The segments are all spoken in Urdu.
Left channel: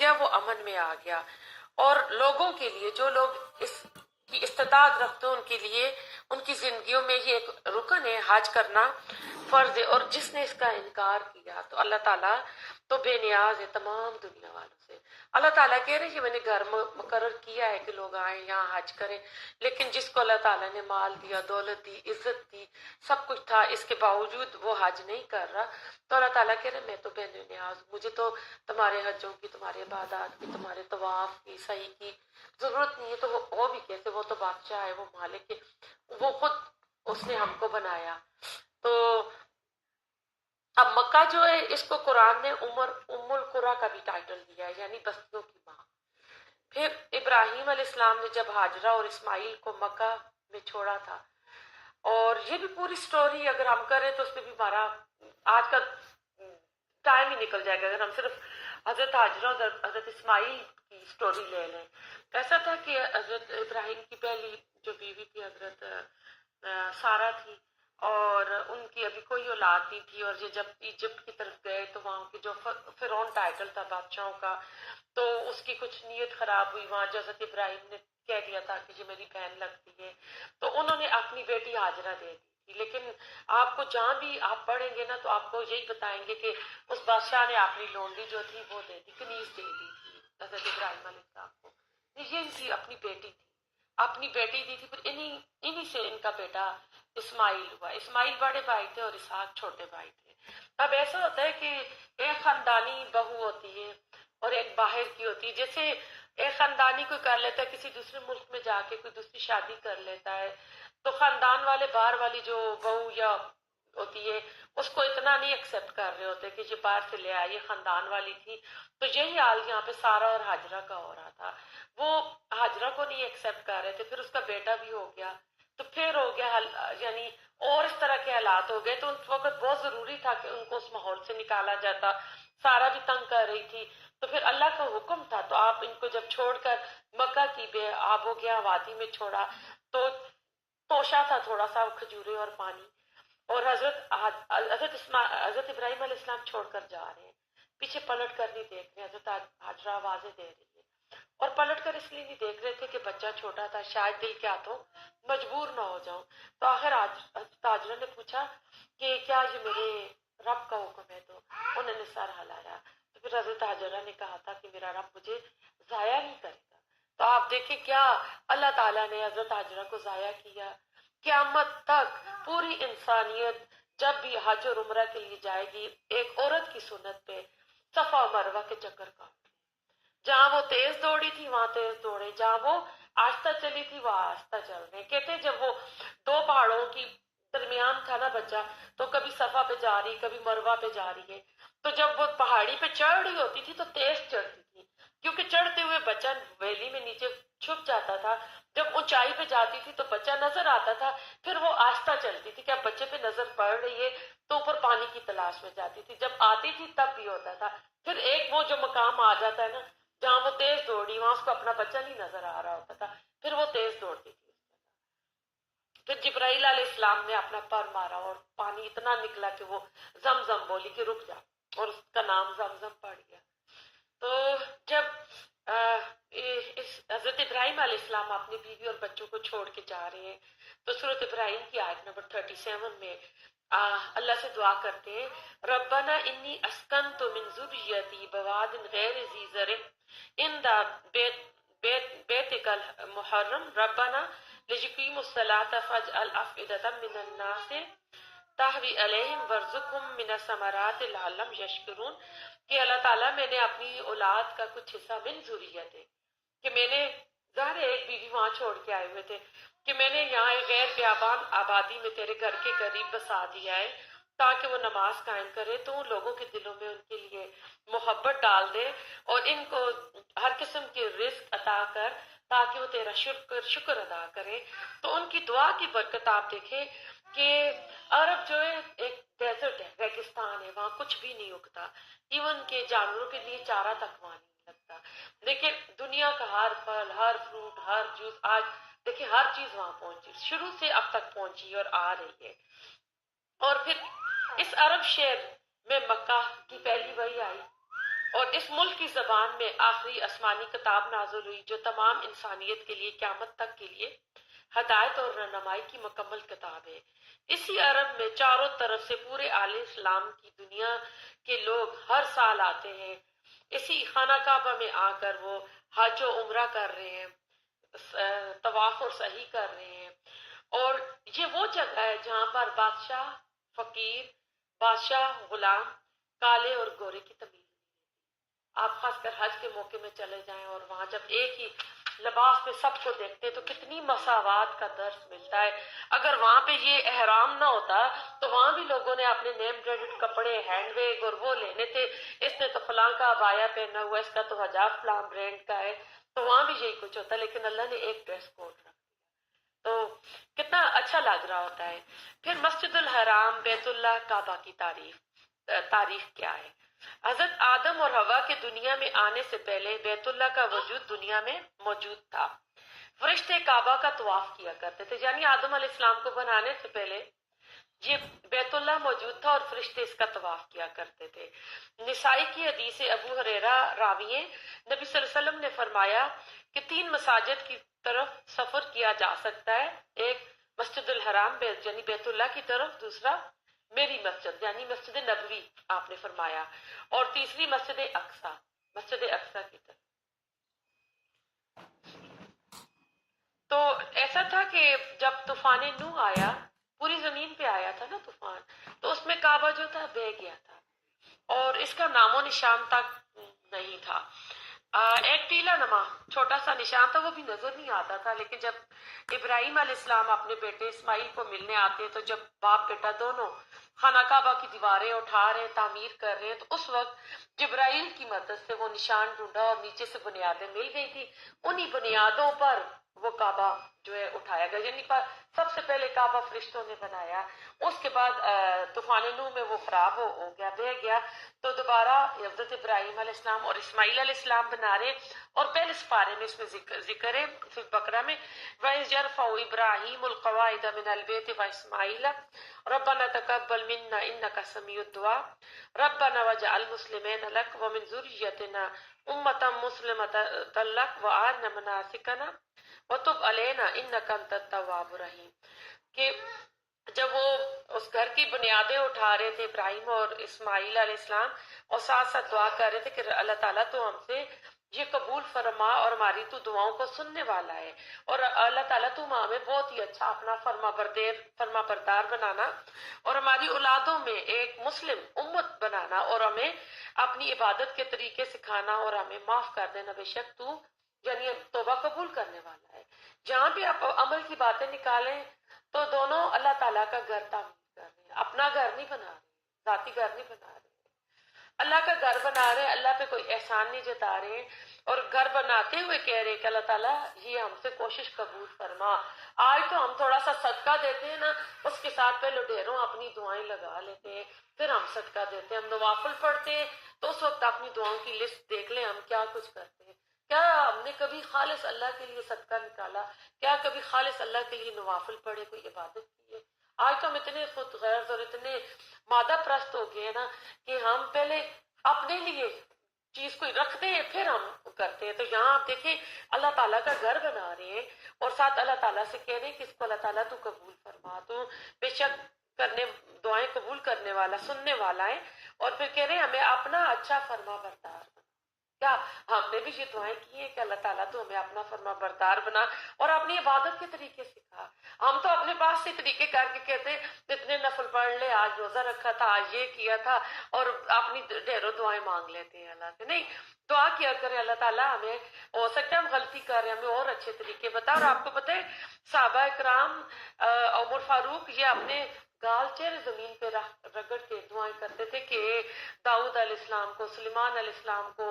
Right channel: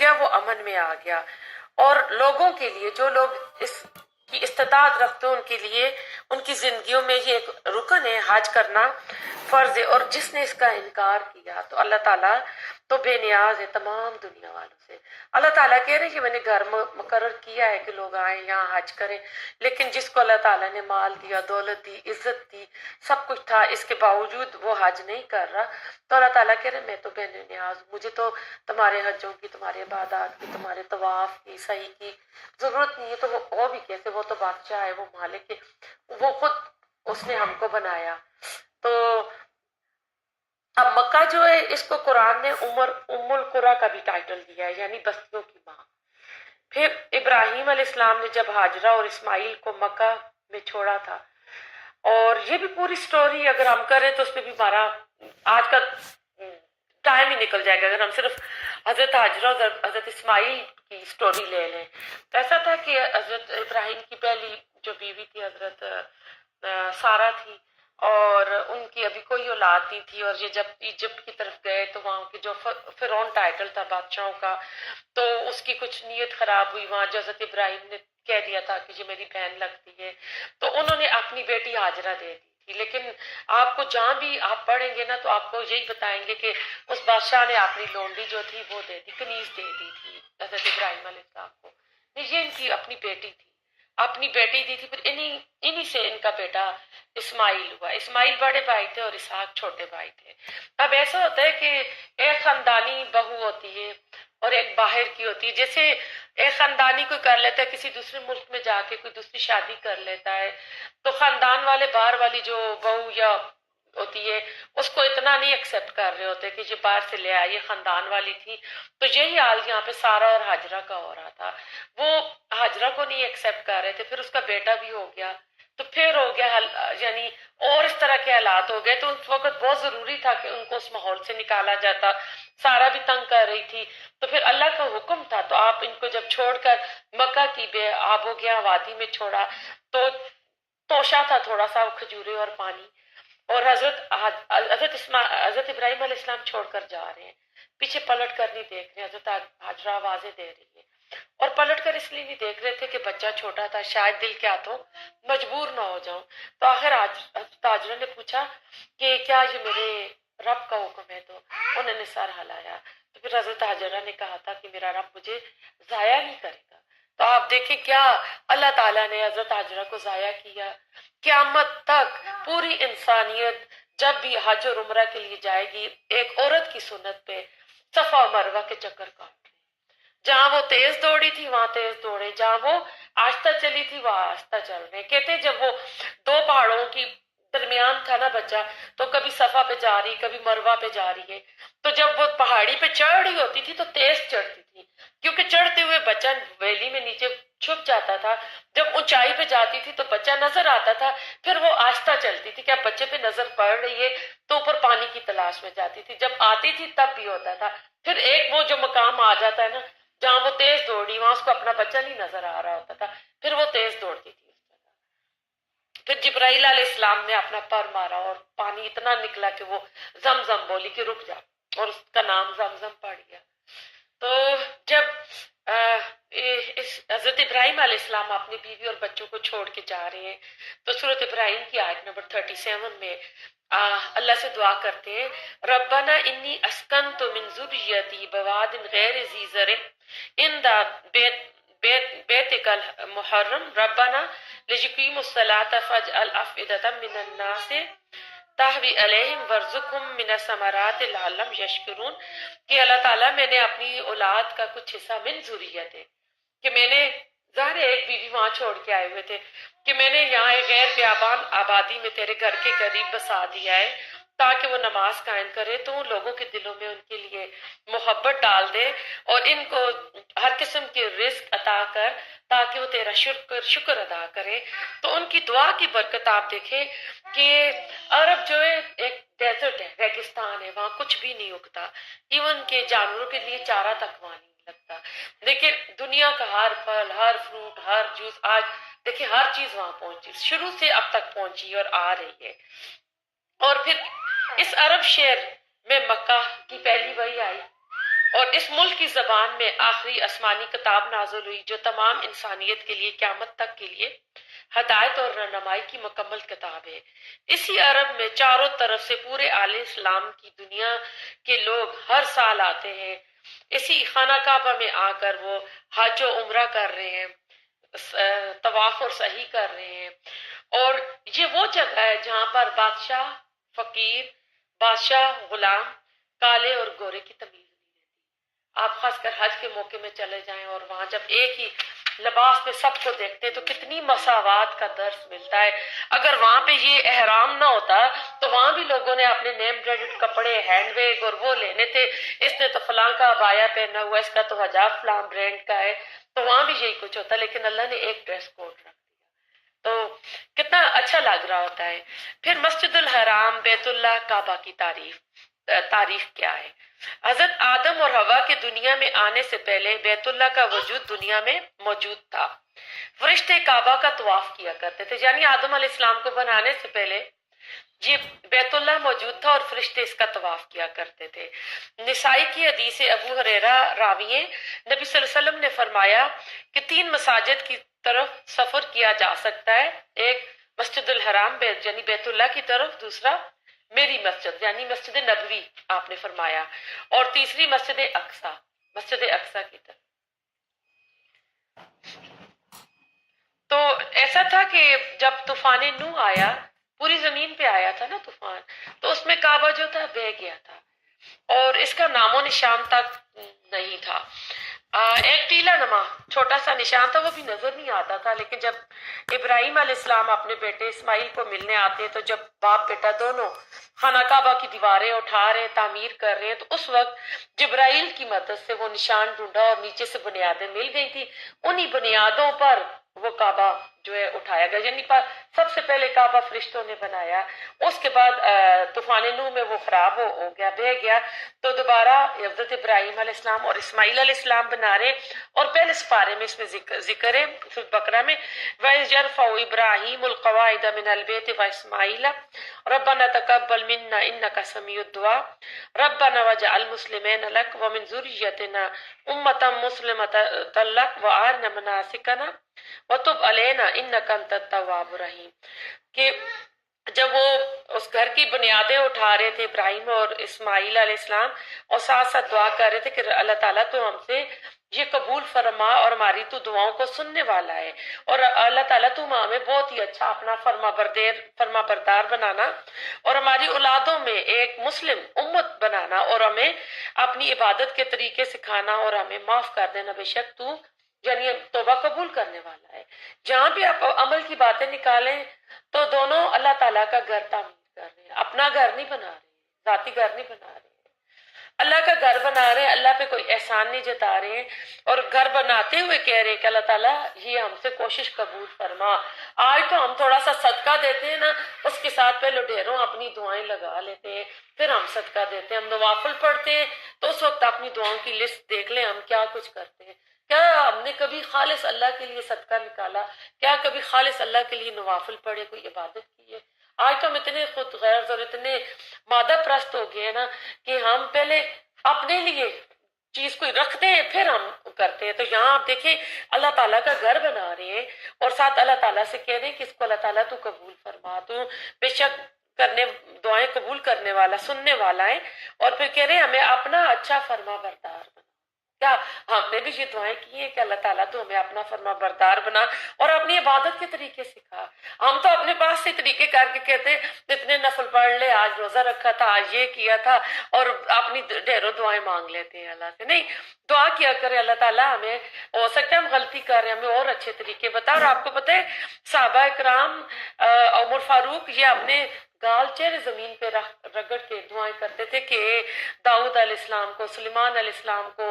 گیا وہ امن میں آ گیا. اور لوگوں کے لیے جو لوگ اس کی استطاعت رکھتے ہیں ان کے لیے ان کی زندگیوں میں یہ ایک رکن ہے، حج کرنا فرض ہے. اور جس نے اس کا انکار کیا تو اللہ تعالیٰ تو بے نیاز ہے تمام دنیا والوں سے. اللہ تعالیٰ کہہ رہے ہیں کہ میں نے گھر مقرر کیا ہے کہ لوگ آئیں یہاں حج کریں، لیکن جس کو اللہ تعالیٰ نے مال دیا، دولت دی، عزت دی، سب کچھ تھا، اس کے باوجود وہ حج نہیں کر رہا، تو اللہ تعالیٰ کہہ رہے ہیں میں تو بے نیاز، مجھے تو تمہارے حجوں کی، تمہارے عبادات کی، تمہارے طواف کی، سعی کی ضرورت نہیں ہے. تو وہ بھی کیسے، وہ تو بادشاہ ہے، وہ مالک ہے، وہ خود اس نے ہم کو بنایا. تو اب مکہ جو ہے اس کو قرآن نے ام القریٰ کا بھی ٹائٹل دیا ہے، یعنی بستیوں کی ماں. پھر ابراہیم علیہ السلام نے جب ہاجرہ اور اسماعیل کو مکہ میں چھوڑا تھا، اور یہ بھی پوری سٹوری اگر ہم کریں تو اس پہ بھی ہمارا آج کا ٹائم ہی نکل جائے گا. اگر ہم صرف حضرت ہاجرہ اور حضرت اسماعیل کی سٹوری لے لیں، ایسا تھا کہ حضرت ابراہیم کی پہلی جو بیوی تھی حضرت سارہ تھی، اور ان کی ابھی کوئی اولاد نہیں تھی. اور یہ جب ایجپٹ کی طرف گئے تو وہاں کے جو فرعون ٹائٹل تھا بادشاہوں کا، تو اس کی کچھ نیت خراب ہوئی وہاں جو حضرت ابراہیم نے کہہ دیا تھا کہ یہ میری بہن لگتی ہے، تو انہوں نے اپنی بیٹی ہاجرہ دے دی تھی. لیکن آپ کو جہاں بھی آپ پڑھیں گے نا تو آپ کو یہی بتائیں گے کہ اس بادشاہ نے اپنی لونڈی جو تھی وہ دے دی، کنیز دے دی تھی حضرت ابراہیم علیہ السلام کو. یہ ان کی اپنی بیٹی تھی، اپنی بیٹی دی تھی. پھر انہی سے ان کا بیٹا اسماعیل ہوا. اسماعیل بڑے بھائی تھے اور اسحاق چھوٹے بھائی تھے. اب ایسا ہوتا ہے کہ ایک خاندانی بہو ہوتی ہے اور ایک باہر کی ہوتی ہے. جیسے ایک خاندانی کوئی کر لیتا ہے کسی دوسرے ملک میں جا کے کوئی دوسری شادی کر لیتا ہے، تو خاندان والے باہر والی جو بہو یا ہوتی ہے اس کو اتنا نہیں ایکسیپٹ کر رہے ہوتے کہ یہ باہر سے لے آئی، یہ خاندان والی تھی. تو یہی حال یہاں پہ سارہ اور ہاجرہ کا ہو رہا تھا. وہ ہاجرہ کو نہیں ایکسیپٹ کر رہے تھے، پھر اس کا بیٹا بھی ہو گیا، تو پھر ہو گیا یعنی اور اس طرح کے حالات ہو گئے. تو اس وقت بہت ضروری تھا کہ ان کو اس ماحول سے نکالا جاتا. سارہ بھی تنگ کر رہی تھی، تو پھر اللہ کا حکم تھا. تو آپ ان کو جب چھوڑ کر مکہ کی بے آب ہو گیا وادی میں چھوڑا، تو توشا تھا تھوڑا سا کھجورے اور پانی، اور حضرت ابراہیم علیہ السلام چھوڑ کر جا رہے ہیں، پیچھے پلٹ کر نہیں دیکھ رہے. حضرت ہاجرہ آوازیں دے رہی ہے، اور پلٹ کر اس لیے نہیں دیکھ رہے تھے کہ بچہ چھوٹا تھا، شاید دل کیا تو مجبور نہ ہو جاؤں. تو آخر حضرت ہاجرہ نے پوچھا کہ کیا یہ میرے رب کا حکم ہے؟ تو انہوں نے سر ہلایا. تو پھر حضرت ہاجرہ نے کہا تھا کہ میرا رب مجھے ضائع نہیں کرے گا. تو آپ دیکھیں کیا اللہ تعالیٰ نے حضرت ہاجرہ کو ضائع کیا. قیامت تک پوری انسانیت جب بھی حج اور عمرہ کے لیے جائے گی، ایک عورت کی سنت پہ صفا و مروہ کے چکر کاٹ رہے. جہاں وہ تیز دوڑی تھی وہاں تیز دوڑے، جہاں وہ آہستہ چلی تھی وہاں آہستہ چل رہے. کہتے جب وہ دو پہاڑوں کی درمیان تھا نا بچہ، تو کبھی صفا پہ جا رہی کبھی مروہ پہ جا رہی ہے. تو جب وہ پہاڑی پہ چڑھ رہی ہوتی تھی تو تیز چڑھتی تھی، کیونکہ چڑھتے ہوئے بچہ ویلی میں نیچے چھپ جاتا تھا. جب اونچائی پہ جاتی تھی تو بچہ نظر آتا تھا، پھر وہ آہستہ چلتی تھی کہ اب بچے پہ نظر پڑ رہی ہے تو اوپر پانی کی تلاش میں جاتی تھی. جب آتی تھی تب بھی ہوتا تھا. پھر ایک وہ جو مقام آ جاتا ہے نا جہاں وہ تیز دوڑی، وہاں اس کو اپنا بچہ نہیں نظر آ رہا ہوتا تھا، پھر وہ تیز دوڑتی تھی. پھر جبرائیل علیہ السلام نے اپنا پر مارا اور پانی اتنا نکلا کہ وہ زمزم بولی کہ رک جا، اور اس کا نام زمزم پڑ گیا. تو جب حضرت ابراہیم علیہ السلام اپنی بیوی اور بچوں کو چھوڑ کے جا رہے ہیں، تو سورۃ ابراہیم کی آیت نمبر 37 میں اللہ سے دعا کرتے ہیں، ربنا انی اسکنت من ذریتی بواد غیر ذی زرع عند بیتک المحرم ربنا لیقیموا الصلاۃ فاجعل افئدة من الناس تہوی علیہم وارزقہم من الثمرات لعلہم یشکرون. کہ اللہ تعالیٰ میں نے اپنی اولاد کا کچھ حصہ من ذریت ہے، کہ میں نے ظاہر ایک بیوی وہاں چھوڑ کے آئے ہوئے تھے، کہ میں نے یہاں ایک غیر بیابان آبادی میں تیرے گھر کے قریب بسا دیا ہے تاکہ وہ نماز قائم کرے، تو ان لوگوں کے دلوں میں ان کے لیے محبت ڈال دے اور ان کو ہر قسم کے رزق عطا کر تاکہ وہ تیرا شکر ادا کرے. تو ان کی دعا کی برکت آپ دیکھیں کہ عرب جو ہے ایک ڈیزرٹ ہے، ریگستان ہے، وہاں کچھ بھی نہیں اگتا، ایون کہ جانوروں کے لیے چارہ تک وہاں نہیں لگتا. لیکن دنیا کا ہر پھل، ہر فروٹ، ہر جوس، آج دیکھیں ہر چیز وہاں پہنچی، شروع سے اب تک پہنچی اور آ رہی ہے. اور پھر اس عرب شہر میں مکہ کی پہلی وحی آئی، اور اس ملک کی زبان میں آخری آسمانی کتاب نازل ہوئی جو تمام انسانیت کے لیے قیامت تک کے لیے ہدایت اور رہنمائی کی مکمل کتاب ہے۔ اسی عرب میں چاروں طرف سے پورے عالم اسلام کی دنیا کے لوگ ہر سال آتے ہیں، اسی خانہ کعبہ میں آ کر وہ حج و عمرہ کر رہے ہیں، طواف اور سعی کر رہے ہیں، اور یہ وہ جگہ ہے جہاں پر بادشاہ، فقیر، بادشاہ، غلام، کالے اور گورے کی تمیز نہیں رہتی۔ آپ خاص کر حج کے موقع میں چلے جائیں اور وہاں جب ایک ہی لباس میں سب کو دیکھتے ہیں تو کتنی مساوات کا درس ملتا ہے۔ اگر وہاں پہ یہ احرام نہ ہوتا تو وہاں بھی لوگوں نے اپنے نیم بریڈڈ کپڑے، ہینڈ بیگ اور وہ لینے تھے، اس نے تو فلاں کا عبایا پہنا ہوا، اس کا تو حجاب فلاں برانڈ کا ہے، تو وہاں بھی یہی کچھ ہوتا، لیکن اللہ نے ایک ڈریس کوڈ رکھ دیا تو کتنا اچھا لگ رہا ہوتا ہے۔ پھر مسجد الحرام، بیت اللہ، کعبہ کی تاریخ کیا ہے؟ حضرت آدم اور حوا کے دنیا میں آنے سے پہلے بیت اللہ کا وجود دنیا میں موجود تھا۔ فرشتے کعبہ کا طواف کیا کرتے تھے، یعنی آدم علیہ السلام کو بنانے سے پہلے یہ بیت اللہ موجود تھا اور فرشتے اس کا طواف کیا کرتے تھے۔ نسائی کی حدیث ابو ہریرہ راوی ہیں، نبی صلی اللہ علیہ وسلم نے فرمایا کہ 3 مساجد کی طرف سفر کیا جا سکتا ہے، ایک مسجد الحرام یعنی بیت اللہ کی طرف، دوسرا میری مسجد یعنی مسجد نبوی آپ نے فرمایا، اور تیسری مسجد اقصی کی طرف۔ تو ایسا تھا کہ جب طوفان نوح آیا، پوری زمین پہ آیا تھا نا طوفان، تو اس میں کعبہ جو تھا بہہ گیا تھا اور اس کا نام و نشان تک نہیں تھا۔ ایک ٹیلا نما چھوٹا سا نشان تھا، وہ بھی نظر نہیں آتا تھا، لیکن جب ابراہیم علیہ السلام اپنے بیٹے اسماعیل کو ملنے آتے ہیں تو جب باپ بیٹا دونوں خانہ کعبہ کی دیواریں اٹھا رہے ہیں، تعمیر کر رہے ہیں، تو اس وقت جبرائیل کی مدد سے وہ نشان ڈھونڈا اور نیچے سے بنیادیں مل گئی تھی، انہی بنیادوں پر وہ کعبہ جو ہے اٹھایا گیا، یعنی سب سے پہلے کعبہ فرشتوں نے بنایا، اس کے بعد طوفان نوح میں وہ خراب ہو گیا، بہہ گیا، تو دوبارہ حضرت ابراہیم علیہ السلام اور اسماعیل علیہ السلام بنا رہے، اور پہلے سپارے میں اس میں ذکر ہے سورۃ بقرہ میں وَإِذْ يَرْفَعُ إِبْرَاهِيمُ الْقَوَاعِدَ مِنَ الْبَيْتِ وَإِسْمَاعِيلُ رَبَّنَا تَقَبَّلْ مِنَّا إِنَّكَ سَمِيعُ الدُّعَاء رَبَّنَا وَاجْعَلْنَا مُسْلِمَيْنِ لَكَ وَمِنْ ذُرِّيَّتِنَا أُمَّةً مُّسْلِمَةً لَكَ وَأَرِنَا مَنَاسِكَنَا وَتُبْ عَلَيْنَا إِنَّكَ أَنتَ التَّوَّابُ الرَّحِيمُ۔ کہ جب وہ اس گھر کی بنیادیں اٹھا رہے تھے ابراہیم اور اسماعیل علیہ السلام، اور ساتھ ساتھ دعا کر رہے تھے کہ اللہ تعالیٰ تو ہم سے یہ قبول فرما اور ہماری تو دعاؤں کو سننے والا ہے، اور اللہ تعالیٰ تو ہمیں بہت ہی اچھا اپنا فرما بردار بنانا اور ہماری اولادوں میں ایک مسلم امت بنانا اور ہمیں اپنی عبادت کے طریقے سکھانا اور ہمیں معاف کر دینا، بے شک تو یعنی توبہ قبول کرنے والا ہے۔ جہاں بھی آپ عمل کی باتیں نکالیں تو دونوں اللہ تعالیٰ کا گھر تعمیر کر رہے ہیں، اپنا گھر نہیں بنا رہے، ذاتی گھر نہیں بنا رہے، اللہ کا گھر بنا رہے ہیں، اللہ پہ کوئی احسان نہیں جتا رہے ہیں، اور گھر بناتے ہوئے کہہ رہے ہیں کہ اللہ تعالیٰ یہ ہم سے کوشش قبول فرما۔ آج تو ہم تھوڑا سا صدقہ دیتے ہیں نا، اس کے ساتھ پہلے ڈھیروں اپنی دعائیں لگا لیتے ہیں، پھر ہم صدقہ دیتے ہیں، ہم نوافل پڑھتے ہیں تو اس وقت اپنی دعاؤں کی لسٹ دیکھ لیں ہم کیا کچھ کرتے ہیں، کیا ہم نے کبھی خالص اللہ کے لیے صدقہ نکالا، کیا کبھی خالص اللہ کے لیے نوافل پڑھے، کوئی عبادت کی ہے؟ آج تو ہم اتنے خود غرض اور اتنے مادہ پرست ہو گئے ہیں نا کہ ہم پہلے اپنے لیے چیز کوئی رکھتے ہیں پھر ہم کرتے ہیں۔ تو یہاں آپ دیکھیں اللہ تعالیٰ کا گھر بنا رہے ہیں اور ساتھ اللہ تعالیٰ سے کہہ رہے ہیں کہ اس کو اللہ تعالیٰ تو قبول فرما، تو بے شک دعائیں قبول کرنے والا، سننے والا ہے، اور پھر کہہ رہے ہیں ہمیں اپنا اچھا فرما بردار بنا۔ کیا ہم نے بھی یہ دعائیں کی ہیں کہ اللہ تعالیٰ تو ہمیں اپنا فرما بردار بنا اور اپنی عبادت کے طریقے سکھا؟ ہم تو اپنے پاس سے طریقے کر کے کہتے ہیں اتنے نفل پڑھ لے، آج روزہ رکھا تھا، آج یہ کیا تھا، اور اپنی ڈھیروں دعائیں مانگ لیتے ہیں اللہ سے۔ نہیں، دعا کیا کرے اللہ تعالیٰ ہمیں، ہو سکتا ہے ہم غلطی کر رہے ہیں، ہمیں اور اچھے طریقے بتا۔ اور آپ کو پتہ ہے صحابہ اکرام، عمر فاروق، یہ اپنے گال چہرے زمین پہ رگڑ کے دعائیں کرتے تھے کہ داؤد علیہ السلام کو، سلیمان علیہ السلام کو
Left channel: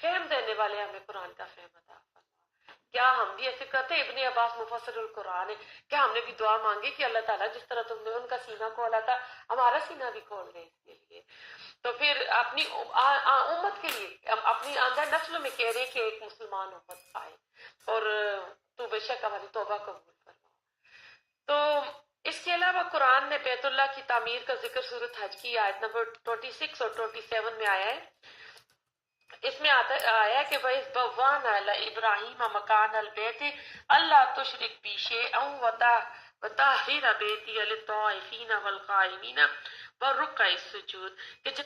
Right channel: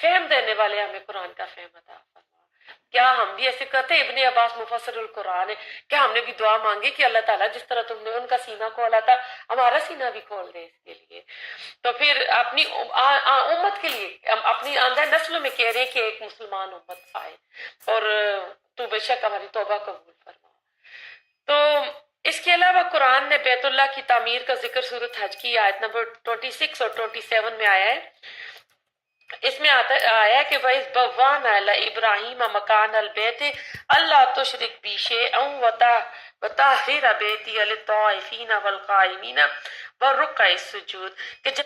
فہم دینے والے ہمیں قرآن کا فہم عطا فرما۔ کیا ہم بھی ایسے کرتے؟ ابن عباس مفسر القرآن ہے، کیا ہم نے بھی دعا مانگی کہ اللہ تعالیٰ جس طرح تم نے ان کا سینہ کھولا تھا ہمارا سینہ بھی کھول دے اس کے لیے؟ تو پھر اپنی امت کے لیے، اپنی آندہ نسلوں میں کہہ رہے ہیں کہ ایک مسلمان امت آئے اور تو بے شک ہماری توبہ قبول فرما۔ تو اس کے علاوہ قرآن نے بیت اللہ کی تعمیر کا ذکر سورۃ حج کی آیت نمبر 26 اور 27 میں آیا ہے۔ اس میں آیا کہ وَإِذْ بَوَّأْنَا لِإِبْرَاهِيمَ مَكَانَ الْبَيْتِ أَلَّا تُشْرِكْ بِي شَيْئًا وَطَهِّرْ بَيْتِيَ لِلطَّائِفِينَ وَالْقَائِمِينَ وَالرُّكَّعِ السُّجُودِ کہ جب